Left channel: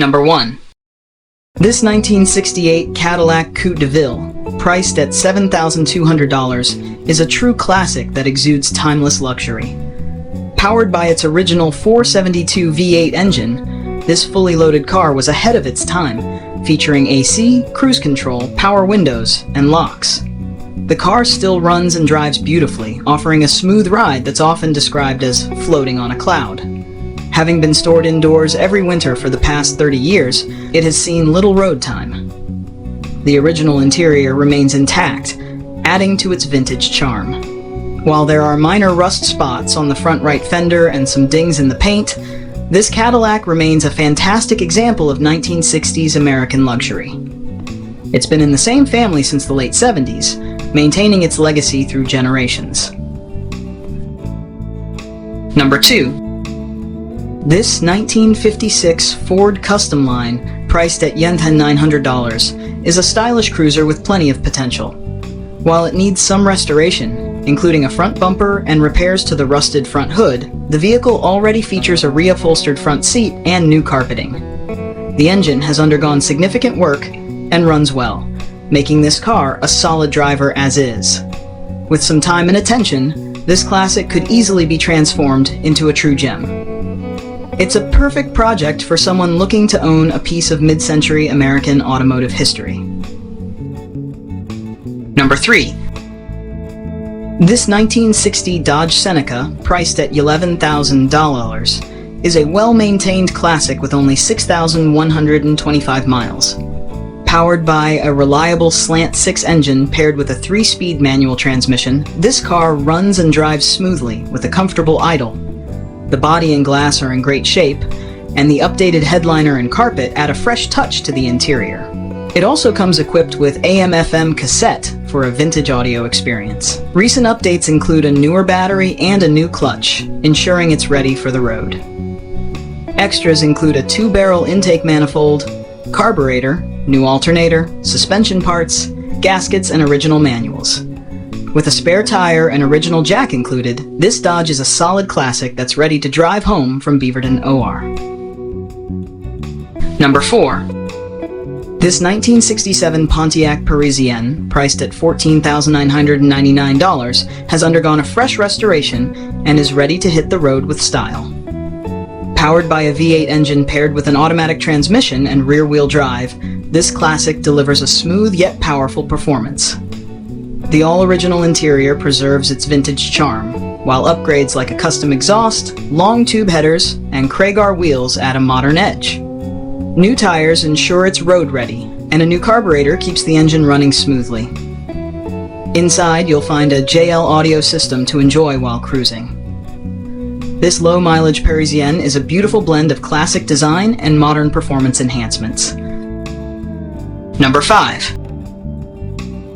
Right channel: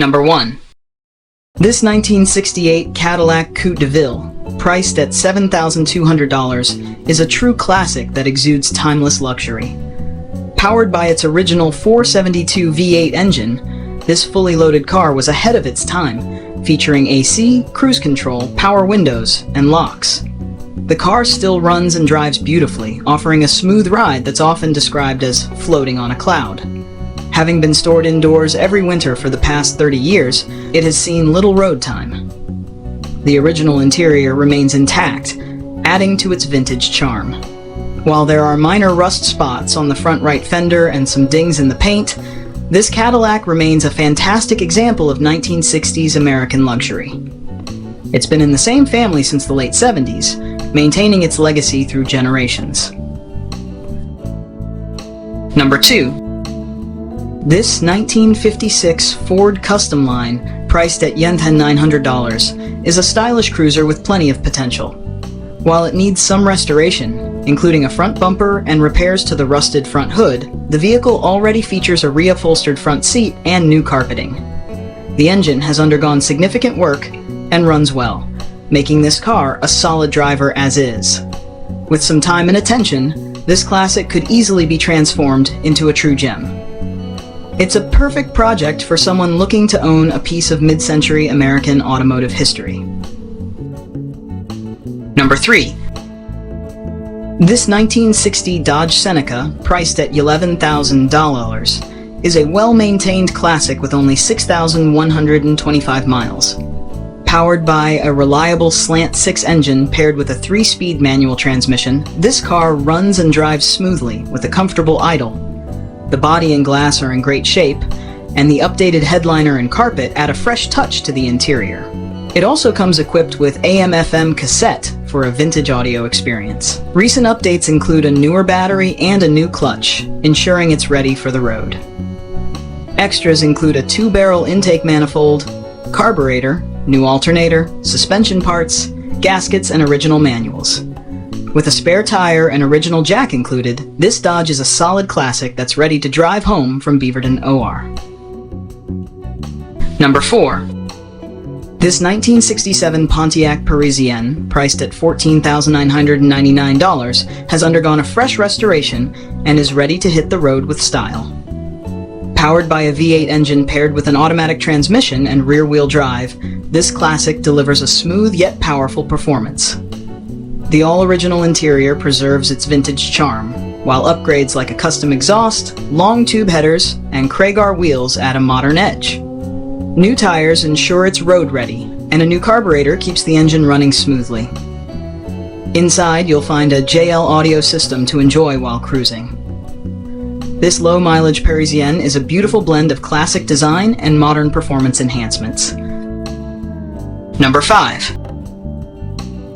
Number 1. This 1968 Cadillac Coupe DeVille, priced at $7,200, is a true classic that exudes timeless luxury. Powered by its original 472 V8 engine, this fully loaded car was ahead of its time, featuring AC, cruise control, power windows, and locks. The car still runs and drives beautifully, offering a smooth ride that's often described as floating on a cloud. Having been stored indoors every winter for the past 30 years, it has seen little road time. The original interior remains intact, adding to its vintage charm. While there are minor rust spots on the front right fender and some dings in the paint, this Cadillac remains a fantastic example of 1960s American luxury. It's been in the same family since the late 70s, maintaining its legacy through generations. Number 2. This 1956 Ford Customline, priced at $900, is a stylish cruiser with plenty of potential. While it needs some restoration, including a front bumper and repairs to the rusted front hood, the vehicle already features a reupholstered front seat and new carpeting. The engine has undergone significant work and runs well, making this car a solid driver as is. With some time and attention, this classic could easily be transformed into a true gem. It's a perfect project for someone looking to own a piece of mid-century American automotive history. Number 3. This 1960 Dodge Seneca, priced at $11,000, is a well-maintained classic with only 6,125 miles. Powered by a reliable slant-6 engine paired with a 3-speed manual transmission, this car runs and drives smoothly with a comfortable idle. The body and glass are in great shape, and the updated headliner and carpet add a fresh touch to the interior. It also comes equipped with AM/FM cassette for a vintage audio experience. Recent updates include a newer battery and a new clutch, ensuring it's ready for the road. Extras include a 2-barrel intake manifold, carburetor, new alternator, suspension parts, gaskets, and original manuals. With a spare tire and original jack included, this Dodge is a solid classic that's ready to drive home from Beaverton OR. Number 4. This 1967 Pontiac Parisienne, priced at $14,999, has undergone a fresh restoration and is ready to hit the road with style. Powered by a V8 engine paired with an automatic transmission and rear-wheel drive, this classic delivers a smooth yet powerful performance. The all-original interior preserves its vintage charm, while upgrades like a custom exhaust, long tube headers, and Craigar wheels add a modern edge. New tires ensure it's road-ready, and a new carburetor keeps the engine running smoothly. Inside, you'll find a JL audio system to enjoy while cruising. This low-mileage Parisienne is a beautiful blend of classic design and modern performance enhancements. Number 5.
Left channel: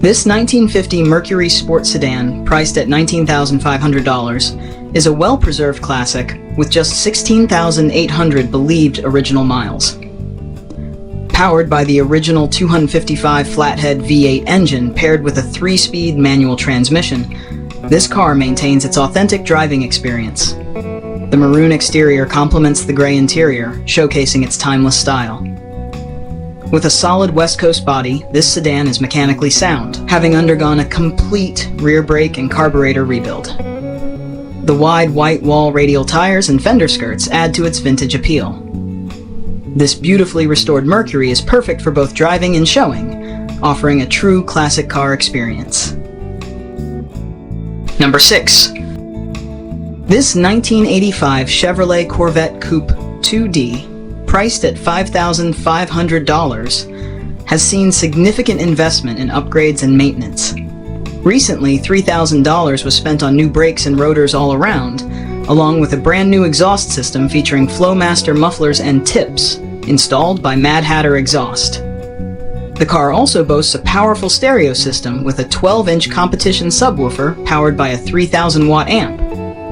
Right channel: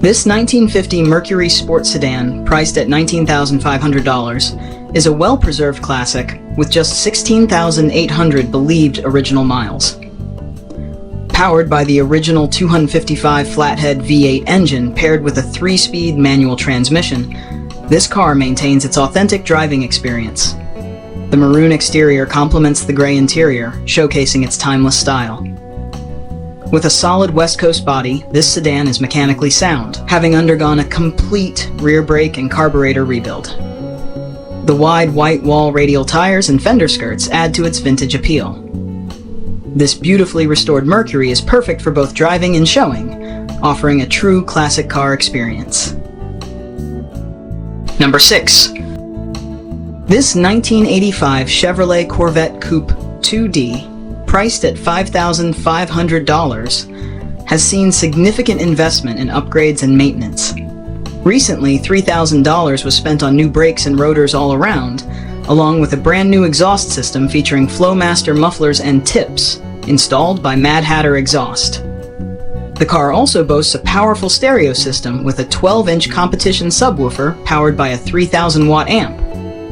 This 1950 Mercury Sport Sedan, priced at $19,500, is a well-preserved classic with just 16,800 believed original miles. Powered by the original 255 flathead V8 engine paired with a 3-speed manual transmission, this car maintains its authentic driving experience. The maroon exterior complements the gray interior, showcasing its timeless style. With a solid West Coast body, this sedan is mechanically sound, having undergone a complete rear brake and carburetor rebuild. The wide white wall radial tires and fender skirts add to its vintage appeal. This beautifully restored Mercury is perfect for both driving and showing, offering a true classic car experience. Number 6. This 1985 Chevrolet Corvette Coupe 2D, priced at $5,500, has seen significant investment in upgrades and maintenance. Recently, $3,000 was spent on new brakes and rotors all around, along with a brand new exhaust system featuring Flowmaster mufflers and tips, installed by Mad Hatter Exhaust. The car also boasts a powerful stereo system with a 12-inch competition subwoofer powered by a 3,000-watt amp.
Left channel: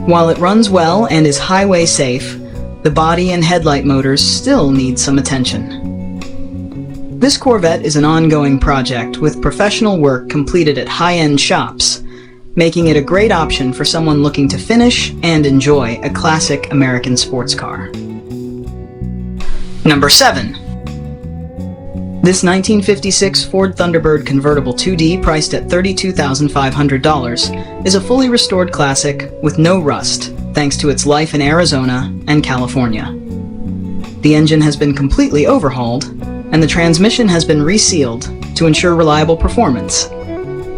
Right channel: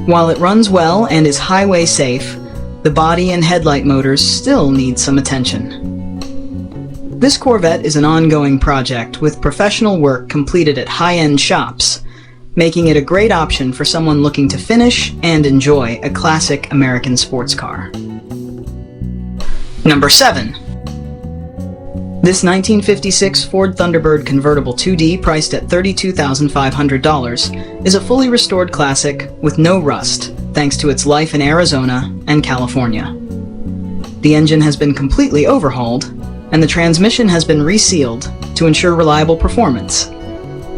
While it runs well and is highway safe, the body and headlight motors still need some attention. This Corvette is an ongoing project with professional work completed at high-end shops, making it a great option for someone looking to finish and enjoy a classic American sports car. Number 7. This 1956 Ford Thunderbird convertible 2D, priced at $32,500, is a fully restored classic with no rust, thanks to its life in Arizona and California. The engine has been completely overhauled, and the transmission has been resealed to ensure reliable performance.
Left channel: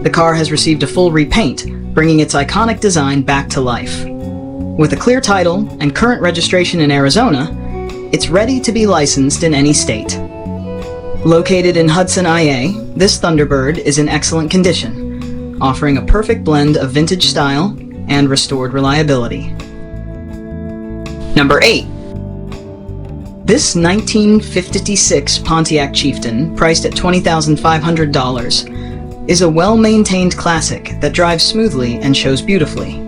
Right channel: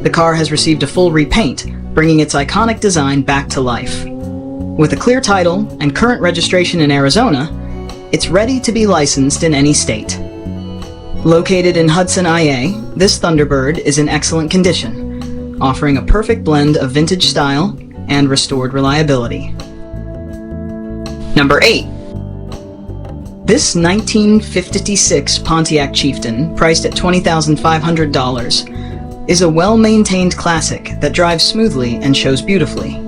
The car has received a full repaint, bringing its iconic design back to life. With a clear title and current registration in Arizona, it's ready to be licensed in any state. Located in Hudson, IA, this Thunderbird is in excellent condition, offering a perfect blend of vintage style and restored reliability. Number 8. This 1956 Pontiac Chieftain, priced at $20,500, is a well-maintained classic that drives smoothly and shows beautifully.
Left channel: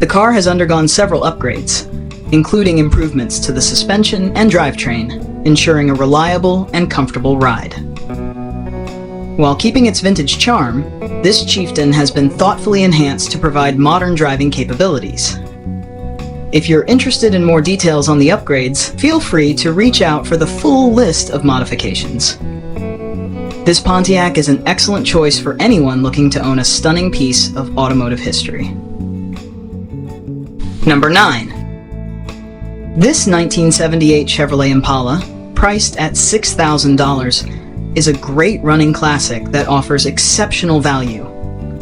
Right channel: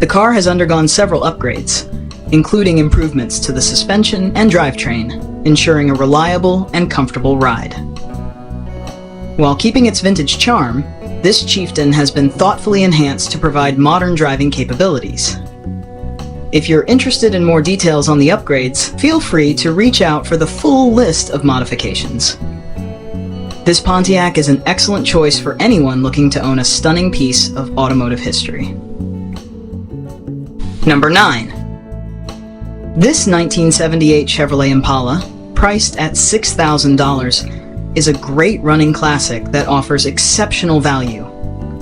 The car has undergone several upgrades, including improvements to the suspension and drivetrain, ensuring a reliable and comfortable ride. While keeping its vintage charm, this Chieftain has been thoughtfully enhanced to provide modern driving capabilities. If you're interested in more details on the upgrades, feel free to reach out for the full list of modifications. This Pontiac is an excellent choice for anyone looking to own a stunning piece of automotive history. Number 9. This 1978 Chevrolet Impala, priced at $6,000, is a great running classic that offers exceptional value.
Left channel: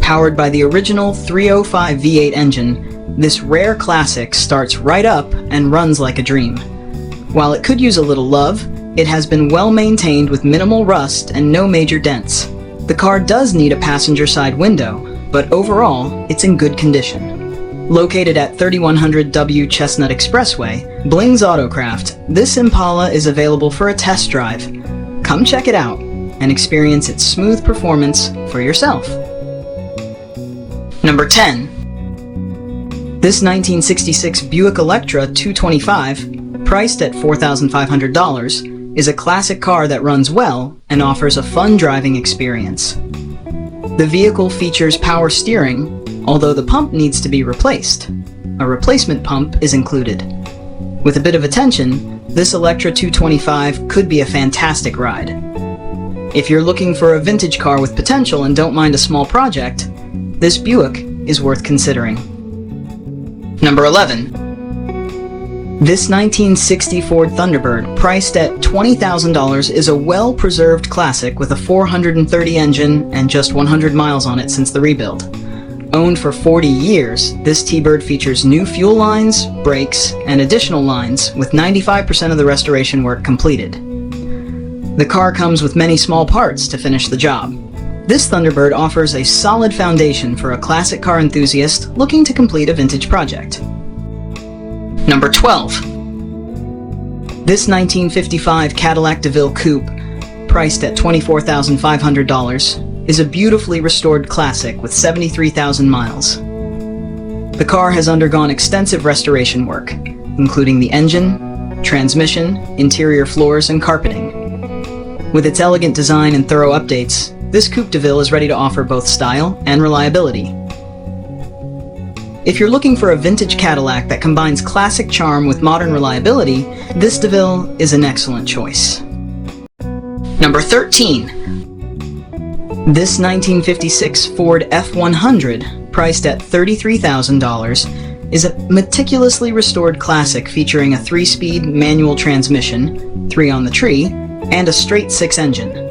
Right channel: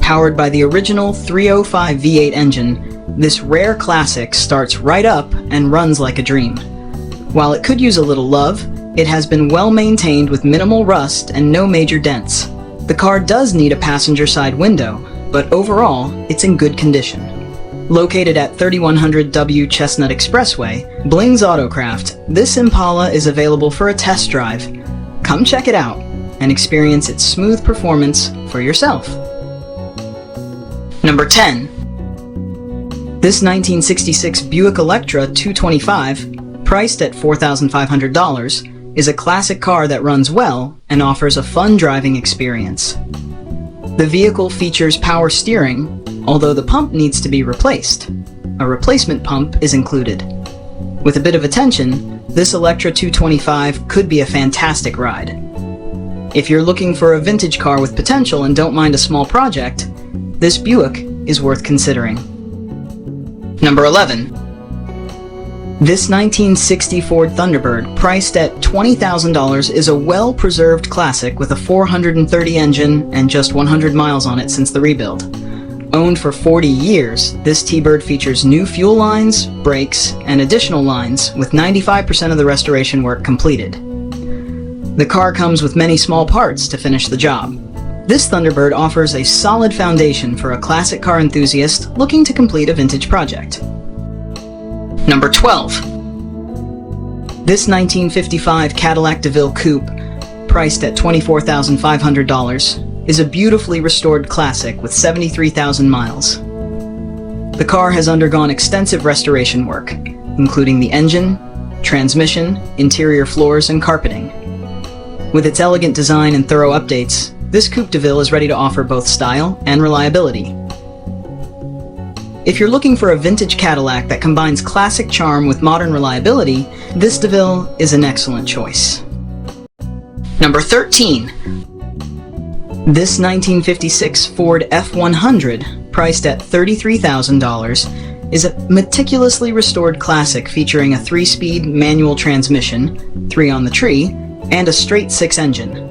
Powered by the original 305 V8 engine, this rare classic starts right up and runs like a dream. While it could use a little love, it has been well maintained with minimal rust and no major dents. The car does need a passenger side window, but overall, it's in good condition. Located at 3100 W Chestnut Expressway, Bling's Autocraft, this Impala is available for a test drive. Come check it out and experience its smooth performance for yourself. Number 10. This 1966 Buick Electra 225, priced at $4,500, is a classic car that runs well and offers a fun driving experience. The vehicle features power steering, although the pump needs to be replaced. A replacement pump is included. With a bit of attention, this Electra 225 could be a fantastic ride. If you're looking for a vintage car with potential and don't mind a small project, this Buick is worth considering. Number 11. This 1960 Ford Thunderbird, priced at $20,000, is a well-preserved classic with a 430 engine and just 100 miles on it since the rebuild. Owned for 40 years, this T-Bird features new fuel lines, brakes, and additional lines, with 95% of the restoration work completed. The car comes with many small parts to finish the job. This Thunderbird offers a solid foundation for a classic car enthusiast looking to complete a vintage project. Number 12. This 1955 Cadillac DeVille Coupe, priced at $24,500, is a beautifully restored classic with 73,000 miles. The car has undergone extensive restoration work, including the engine, transmission, interior floors, and carpeting. With its elegant design and thorough updates, this Coupe DeVille is ready to offer both style and reliability. If you're looking for a vintage Cadillac that combines classic charm with modern reliability, this DeVille is an excellent choice. Number 13. This 1956 Ford F100, priced at $33,000, is a meticulously restored classic featuring a 3-speed manual transmission, 3 on the tree, and a straight 6 engine.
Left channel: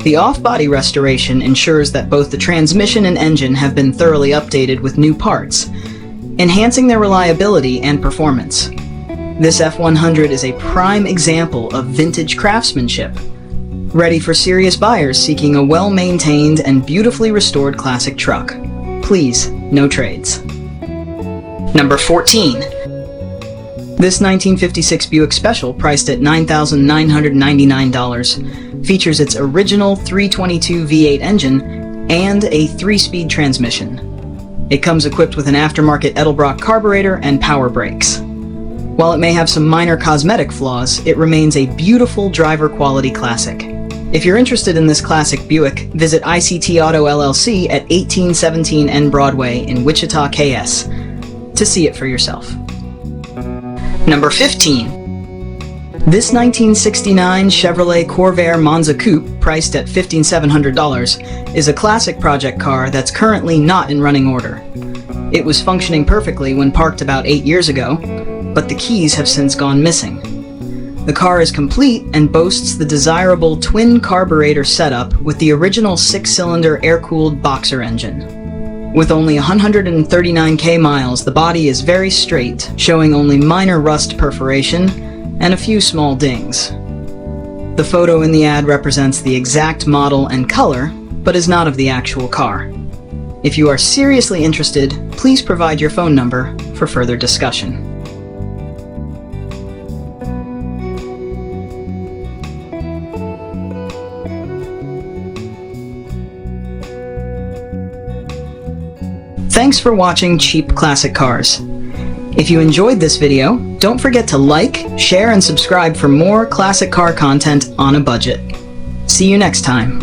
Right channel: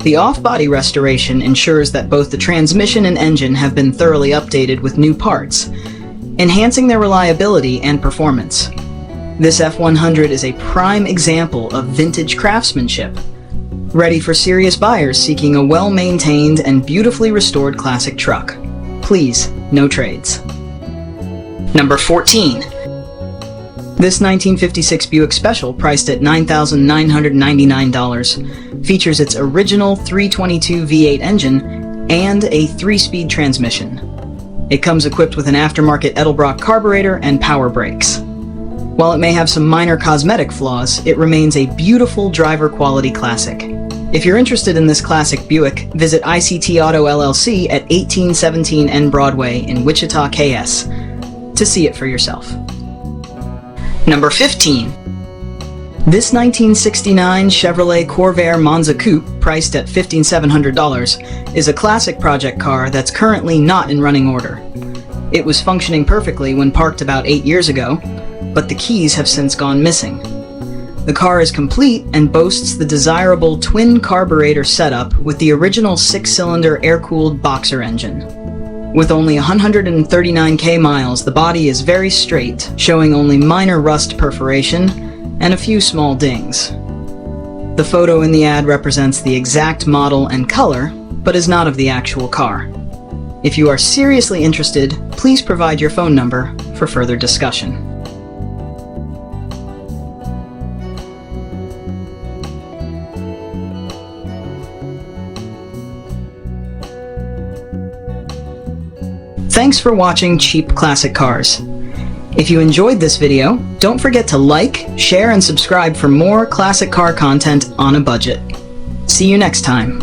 The off-body restoration ensures that both the transmission and engine have been thoroughly updated with new parts, enhancing their reliability and performance. This F100 is a prime example of vintage craftsmanship, ready for serious buyers seeking a well-maintained and beautifully restored classic truck. Please, no trades. Number 14. This 1956 Buick Special, priced at $9,999, features its original 322 V8 engine and a 3-speed transmission. It comes equipped with an aftermarket Edelbrock carburetor and power brakes. While it may have some minor cosmetic flaws, it remains a beautiful driver-quality classic. If you're interested in this classic Buick, visit ICT Auto LLC at 1817 N Broadway in Wichita, KS, to see it for yourself. Number 15. This 1969 Chevrolet Corvair Monza Coupe, priced at $15,700, is a classic project car that's currently not in running order. It was functioning perfectly when parked about 8 years ago, but the keys have since gone missing. The car is complete and boasts the desirable twin carburetor setup with the original 6-cylinder air-cooled boxer engine. With only 139k miles, the body is very straight, showing only minor rust perforation and a few small dings. The photo in the ad represents the exact model and color, but is not of the actual car. If you are seriously interested, please provide your phone number for further discussion. Thanks for watching Cheap Classic Cars. If you enjoyed this video, don't forget to like, share, and subscribe for more classic car content on a budget. See you next time.